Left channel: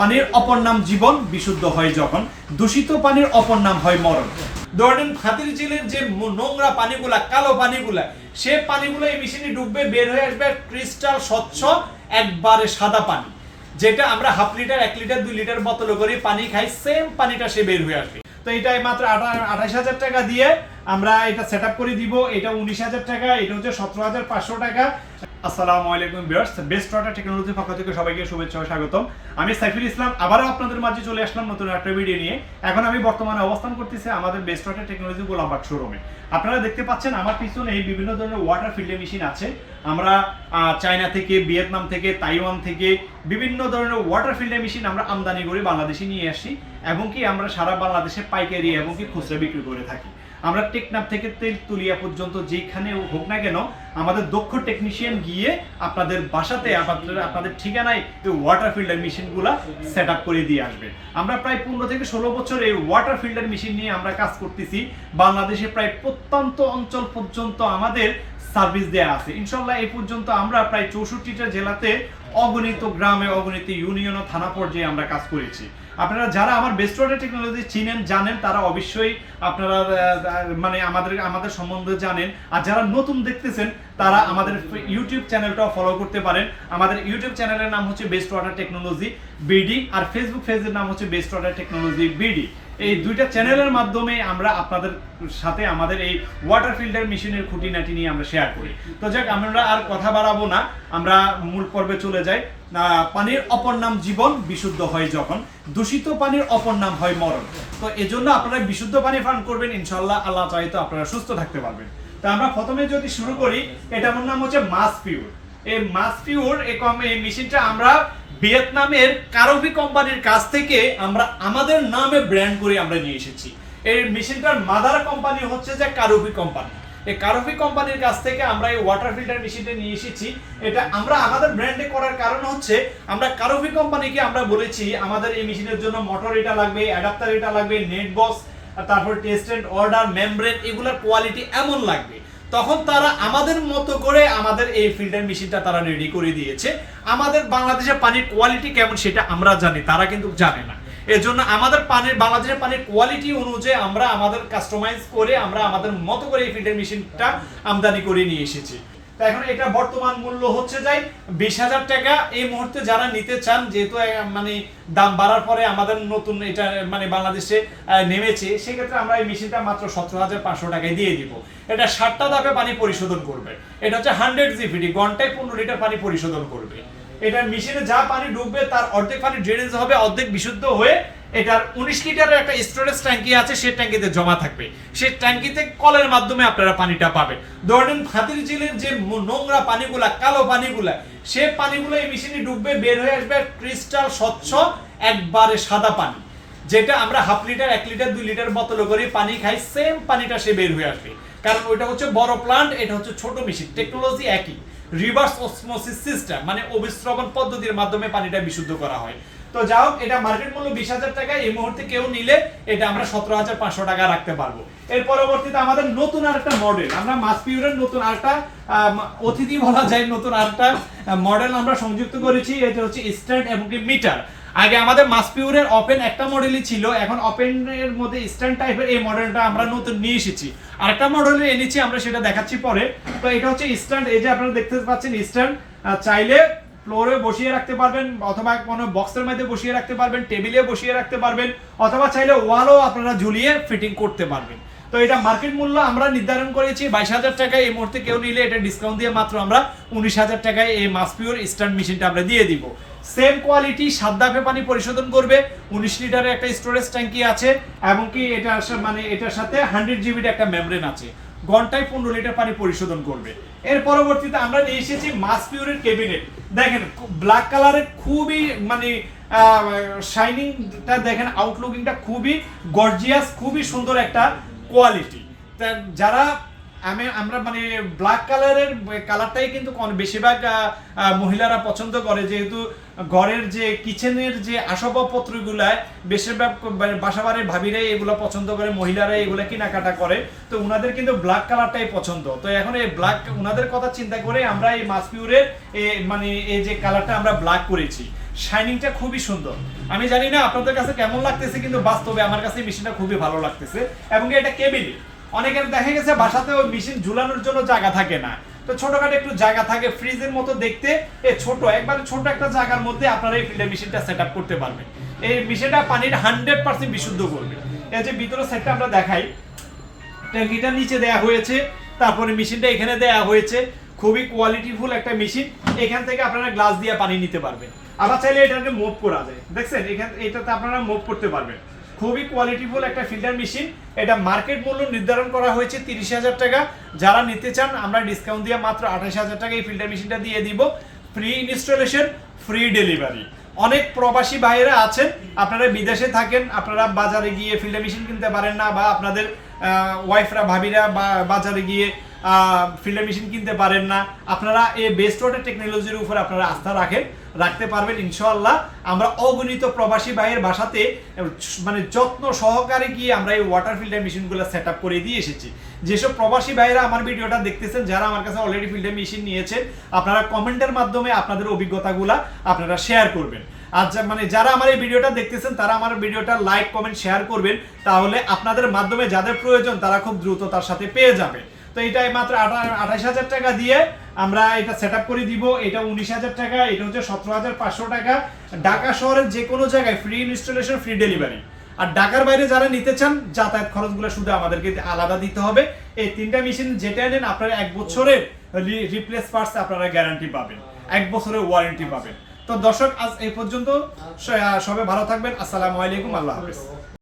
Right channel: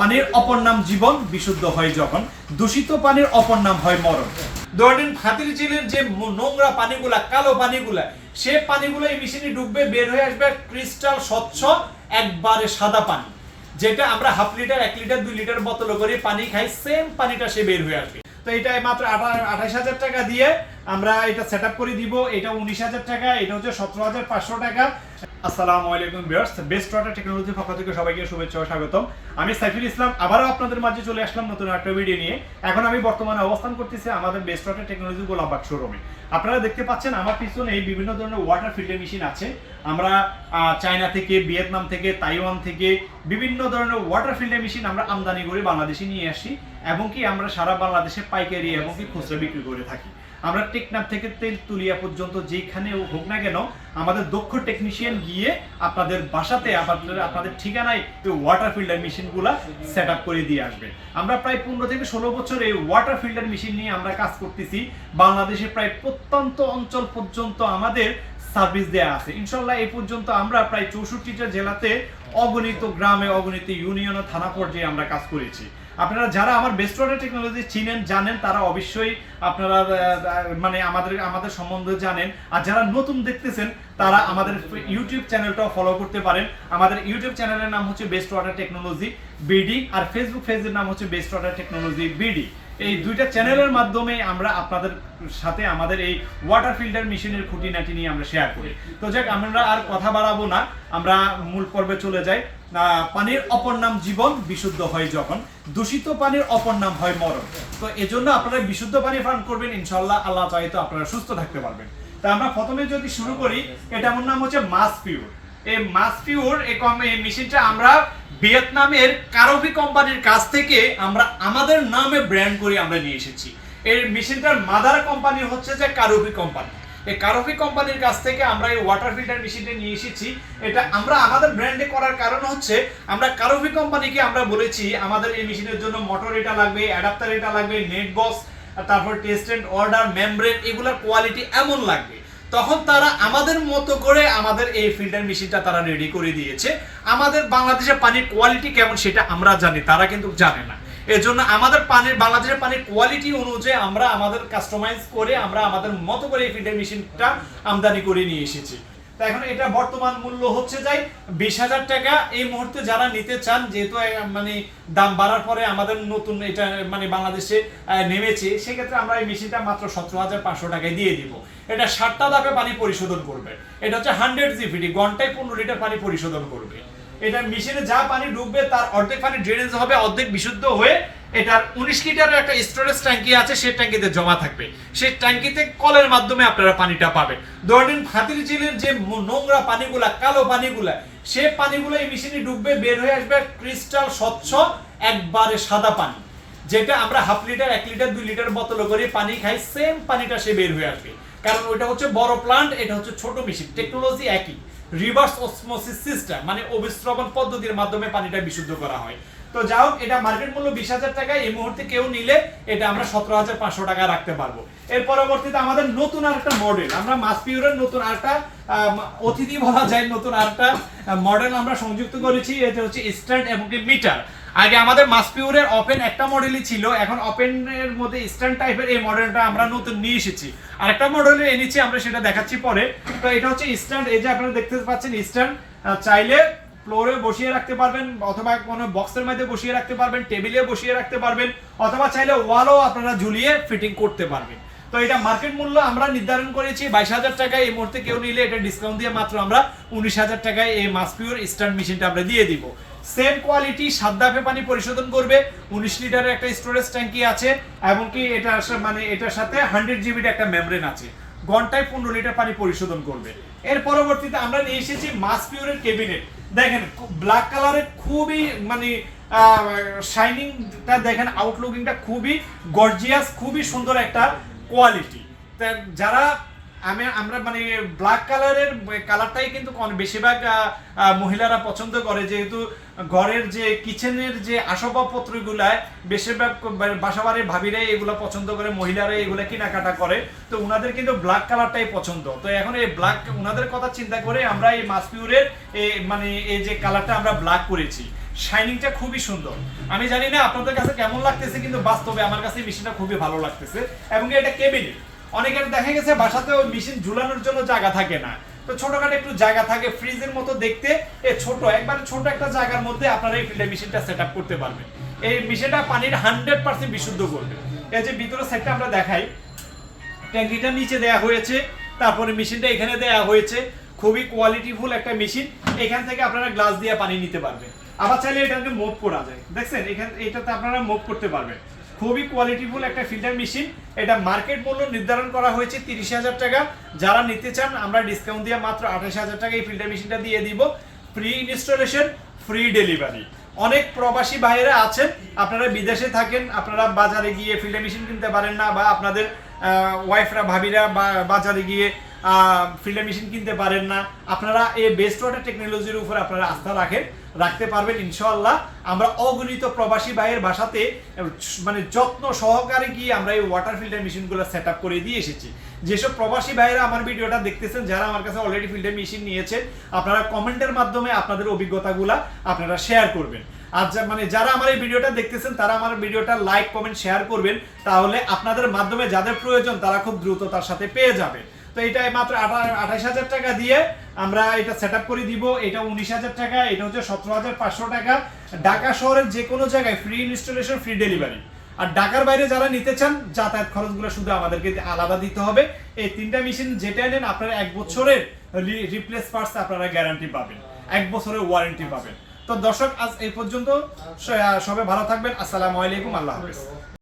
পানির অপর নাম জীবন, বিশুদ্ধ হয় যখন। দূষিত পানির অপর নাম হয় মরণ। ধরেন হাতির ঝিলের যে নোংরা পানিগুলা, কালো পানিগুলা, সে পানিগুলো এই মেশিনে ডুববে, বের হয়ে আসবে ক্রিস্টাল স্বচ্ছ একবারে সাদা পানি, যেটা আমরা হাফ লিটার, 1 লিটার, 2 লিটার বোতলে করে পানি খাই, সেম পানিটা সে বের হয়ে আসবে। তো এটা মাত্র 28,000 টাকা দিয়ে আমরা এটা সেট আপ করে দিব। এটা 19,000 টাকা, এটা হচ্ছে 17,500 টাকা। আসসালামু আলাইকুম ভিউয়ার্স, বেস্ট ওয়াটার টেকনোলজির পক্ষ থেকে সবাইকে শুভেচ্ছা ও স্বাগতম। আমি সাইফুল ইসলাম আবারও আপনাদের মাঝে চলে আসলাম নতুন একটা ভিডিও নিয়ে। এখন আমি বর্তমানে অবস্থান করতেছি আমাদের বেস্ট ওয়াটার টেকনোলজি গোলামবাগ শোরুমে। আপনারা দেখতে পাচ্ছেন আমার পিছনে এই বিভিন্ন ধরনের ওয়াটার ফিল্টার মেশিন আছে। আমরা চায়না থেকে, ভিয়েতনাম থেকে, তাইওয়ান থেকে বিভিন্ন ধরনের ওয়াটার ফিল্টার মেশিন আমরা আমদানি করে বাংলাদেশে নিয়ে আসি, এবং কি আমরা সারা বাংলাদেশে পাইকারি এবং কি খুচরা বিক্রি করে থাকি। আমরা টেকনাফ থেকে তেলতুলিয়া পর্যন্ত যেখানে হোক না কেন, আমাদের দক্ষ টেকনিশিয়ান গিয়ে আপনাদের বাসাতে, আপনাদের ঠিকানায় এই ওয়াটার ফিল্টার মেশিনগুলা সেট আপ করে দিয়ে আসবে। আমরা প্রায় 15 থেকে 16 বছর এই ওয়াটার ফিল্টার মেশিন নিয়ে আমরা কাজ করতেছি। বাংলাদেশে প্রায় প্রত্যন্ত অঞ্চল পর্যন্ত আমাদের সার্ভিস দেয়া আছে। ইনশাল্লাহ এই পর্যন্ত আমরা প্রায় 64টা জেলাতে, অগণিত গ্রামে, অগণিত ইউনিয়ন ও থানা পর্যায়ে আমরা কাজ করেছি। আপনারা যারা আমার বেস্ট ওয়াটার টেকনোলজি চিনেন, জানেন, তারা অবশ্যই আপনারা মানে আমাদের সম্বন্ধে জানেন। আর যারা নতুন দেখতেছেন তারা আমাদের ইউটিউব চ্যানেলটাও ফলো করতে পারেন। আমাদের ইউটিউব চ্যানেলের নাম হচ্ছে বেস্ট ওয়াটার টেকনোলজি বিডি, আর ফেসবুক পেজের নাম হচ্ছে বেস্ট ওয়াটার টেকনোলজি বিডি। এই দুইটা চ্যানেলের মাধ্যমে আমরা আপনাদের সাথে আমাদের এই ওয়াটার ফিল্টার মেশিনের খুঁটিনাটি নিয়ে আমরা শেয়ার করি। তো যাক, আমরা আর কথা বাড়াবো না, আমরা মূল পর্বে চলে যাই। পানির অপর নাম জীবন, বিশুদ্ধ হয় যখন। দূষিত পানির অপর নাম হয় মরণ। তো এজন্য আপনারা বিশুদ্ধ পানি পান করবেন, ইনশাআল্লাহ আল্লাহ চাইতো আপনারা সুস্থ থাকতে পারবেন। তো আমরা প্রথমে যদি শুরু করি, এটার নাম হচ্ছে মাস পিওর। এই মাস পিওর এই মেশিনটা আমরা ভিয়েতনামের কারোভি কোম্পানির কাছ থেকে আমরা আমাদের নামে ব্র্যান্ড করে আমরা নিয়ে এসেছি। এই মেশিনটার মাদার কোম্পানি হচ্ছে যে কারোভি কোম্পানি। এই কারোভি কোম্পানির কাছ থেকে আমরা এই ওয়াটার ফিল্টার মেশিনটা নিয়ে এসেছি। এটা আমরা আমাদের ব্র্যান্ডে করার কারণ হচ্ছে, আমরা কারোভি কোম্পানিকে আমরা বলেছি আমাদের এই মেশিনের জন্য মোটর এটা লাগবে, অ্যাডাপ্টার এটা লাগবে, নেট বক্স, তারপর টেস্ট এন্ড অর্ডার, মেমব্রেন, এগুলোর কোয়ালিটি এমন লাগবে। তখন তারা আমাদের মতো করে আমাদের এই ফিল্টার মেশিনটা তারা রেডি করে দিয়েছে। আমাদের বাংলাদেশের পানির কোয়ালিটি কেমন সেটা আমরা জানি, তারা কিন্তু জানে না। এজন্য আমাদের বাংলাদেশের পানির কোয়ালিটি অনুযায়ী আমরা আমাদের কাস্টমাইজ করে আমরা আমাদের মতো করে এই ফিল্টার মেশিনটা আমদানি করে নিয়ে এসেছি। তো এখন এটা বর্তমান মূল্য হচ্ছে যাই 20,000 টাকা। এই মুহূর্তে যারা নিতে চান, যেহেতু মানে দাম বাড়ার পরে আমাদের নতুন এটা মানে বাংলাদেশে নেমেছে, সেক্ষেত্রে আমরা এই মেশিনটা মাত্র 17,500 টাকায় দিয়ে দিব। এটা 60টা ধাপে পানি পরিশোধন করবে। এটা হচ্ছে 100 জিপিডি, ঘন্টায় 15 লিটার পানি পরিশোধন করবে। এটা মেশিনে যা পানি ডুববে তার অর্ধেক পানি ড্রেনেজ হবে, অর্ধেক বিশুদ্ধ হয়ে এটার 19 লিটারের একটা স্টোরেজ ট্যাঙ্কি আছে, সেই ট্যাঙ্কিতে জমা থাকবে। সেই ট্যাঙ্কিতে কলের মাধ্যমে আপনারা পানিটা পাবেন। ধরেন হাতির ঝিলের যে নোংরা পানিগুলা, কালো পানিগুলা, সে পানিগুলো এই মেশিনে ডুববে, বের হয়ে আসবে ক্রিস্টাল স্বচ্ছ একবারে সাদা পানি, যেটা আমরা হাফ লিটার, 1 লিটার, 2 লিটার বোতলে করে পানি খাই, সেম পানিটা সে বের হয়ে আসবে। কারণ ওইটা হচ্ছে বড় প্লান্ট, এটা হচ্ছে ছোট মেশিন, টেকনোলজি একই। রিভার্স অসমোসিস সিস্টেম, মানে অবিশ্রবণ পদ্ধতির মাধ্যমে পানিটা বিশুদ্ধ করা হয়। তো যাও, এটা মার্কেট মূল্য 20,000 টাকা। এই মুহূর্তে কেউ নিলে এটা আমরা 17,500 টাকা রাখতে পারবো। এর পরবর্তীতে আমাদের নতুন আরেকটা মডেল, আমরা মাস পিওরের নতুন আরেকটা অতিথি বলা যায়, নতুন আরেকটা মডেল আমরা সংযুক্ত করেছি। এটা হচ্ছে স্ট্যান্ড এবং মিটার। আগে আমাদের মাস পিওরের ওপেন একটা মডেলই ছিল, এখন ওপেনের মধ্যে স্ট্যান্ড টাইপের এই মডেলটা আমরা নতুন নিয়ে এসেছি। আরেকটা মডেল এনেছি, আমরা সেটা দেখাচ্ছি পরে। তো এটা হচ্ছে স্ট্যান্ড, এই যে আপনারা দেখতে পাচ্ছেন স্ট্যান্ড, চাইলে ফ্লোরে বসিয়ে রাখতে পারবেন, অথবা কোনো বক্সের মধ্যে বসিয়ে রাখতে পারবেন, টেবিলে বসিয়ে রাখতে পারবেন, অথবা চাইলে ওয়ালও আপনারা ঝুলিয়ে ফিটিং করতে পারবেন। তো এটা মার্কেট মূল্য আমরা নির্ধারণ করেছি 22,000 টাকায়। এই মুহূর্তে কেউ নিলে এটা ডিসকাউন্ট দিয়ে মাত্র আমরা 19,000 টাকায় এই মাস পিওর স্ট্যান্ড মেশিনটা আমরা দিয়ে দিব। সেম কোয়ালিটি, 7 ধাপে পানি পরিশোধন করবে, 19 লিটারের একটা স্টোরেজ ট্যাঙ্কি আছে, এবং কি এটা মানে এটার সাথে 100 জিবির একটা মেমব্রেন আছে, ঘন্টায় 15 লিটার পানি পরিশোধন করবে। এর পরবর্তীতে আমরা নিয়ে এসেছি মাস পিওরের ক্যাবিনেট। দেখেন ব্ল্যাক কালারের, খুবই মানে শাইনিংটা দেখেন, আউটলুকিংটা খুবই গর্জিয়াস, খুবই সুন্দর একটা কোয়ালিটি। যারা আমরা মানে ব্ল্যাক কালারের কালারটাই কিন্তু বেশিরভাগ মহিলারা পছন্দ করে, যেহেতু ঘরের যে কিচেনের যে আসবাবপত্রগুলা বেশিরভাগ বাসাবাড়ির ভাবিরাই এগুলো পছন্দ করে, মহিলারা এগুলো কেনাকাটা করে। তো উনাদের কিন্তু ব্ল্যাক কালারটাই পছন্দ। তো এখন এই উনাদের কথা চিন্তা করে আমরা এই মাস পিওরের মানে এই যে কালারটা আমরা ব্ল্যাক করেছি। শাইনিংটা খুবই সুন্দর। আমি জানি না আপনাদের কাছে কেমন লাগতেছে, কিন্তু বাস্তবে আমার কাছে মেশিনটা খুবই ভালো লাগতেছে। এবং এটা কেবিনে, অনেকের দেখা গেছে বাসাতে ওই মেশিন ঝুলানোর জন্য জায়গা থাকে না, তো ছোটখাটো একটু জায়গা থাকে, ফ্রিজের মতো দেখতে এই ছোট একবার ছোট একটা জায়গার মধ্যে আপনারা এই ফিল্টার মেশিনটা সেট আপ করতে পারবেন। এই মেশিনটা পানির 100% বিশুদ্ধ করবে। এই যে ভিতরের সাইডটা আমরা দেখাই, ট্যাঙ্কিটা নিচে দেয়া হয়েছে, তারপরে মেশিনটা এখানে দেয়া হয়েছে। খুবই কোয়ালিটিফুল একটা মেশিন। এখান থেকে আপনারা গ্লাস দিয়ে পানি নিতে পারবেন, আবার চাইলে এটাকে মুভ করা যায়। দেখছেন এটাতে আপনারা মুভ করতে পারবেন। খুবই কোয়ালিটিফুল একটা ফিল্টার মেশিন। এটা মার্কেট মূল্য নির্ধারণ করা হয়েছে 30,000 টাকা। যারা নিতে চান আমরা ডিসকাউন্ট দিয়ে মাত্র 28,000 টাকা এই ফিল্টার মেশিনটা দিয়ে দিব। Free installation, free delivery. অনেক প্রবাসী ভাইয়েরা আছেন, আপনারা বিদেশে থাকেন, আপনারা বাজারে গিয়ে ফিল্টার মেশিন কিনতে পারেন না, বা আপনাদের ওয়াইফরা ভাবিরা বাজারে গিয়ে ফিল্টার মেশিন কিনতে পারেন না। আপনারা এই বেস্ট ওয়াটার টেকনোলজির উপর আপনারা আস্থা রাখতে পারবেন ইনশাআল্লাহ। আমরা অগণিত প্রবাসী ভাইয়ের বাসাতে মানে যত্ন সহকারে গিয়ে আমরা এই ওয়াটার ফিল্টার মেশিনগুলো সেট আপ করে দিয়ে এসেছি। যেসব প্রবাসী ভাইয়েরা আমার ভিডিওটা দেখতেছেন, যারা আমার কাছে অলরেডি ফিল্টার মেশিন নিয়েছেন, আপনারা কমেন্টের মাধ্যমে আপনাদের অভিজ্ঞতাগুলা আপনারা শেয়ার করবেন। আর মানে যারা আমার এই ভিডিওটা দেখতেছেন তারা আমার ভিডিওটা লাইক কমেন্ট শেয়ার করবেন, তাহলে আপনাদের মাধ্যমে যাদের প্রয়োজন তারা খুব দ্রুত তার সাথে পেয়ে যাবে। তো এটা মাত্র 28,000 টাকা দিয়ে আমরা এটা সেট আপ করে দিব। এটা 19,000 টাকা, এটা হচ্ছে 17,500 টাকা। ঢাকা শহরের যে কোনো জায়গায় ফ্রি ইনস্টলেশন, ফ্রি ডেলিভারি। আর ঢাকার বাইরে যারা নিতে চান যাতায়াত খরচগুলো শুধু আমাদেরকে আলাদা দিতে হবে। এই তিনটা মেশিন যেটা নেন আপনারা 1 বছরের রিপ্লেস পার্টস আপনারা গ্যারান্টি পাবেন, 1 বছরের ওয়ারেন্টি পাবেন। তো দর্শক আজ এই পর্যন্ত, সবাই ভালো থাকবেন। আসসালামু আলাইকুম, আল্লাহ হাফেজ।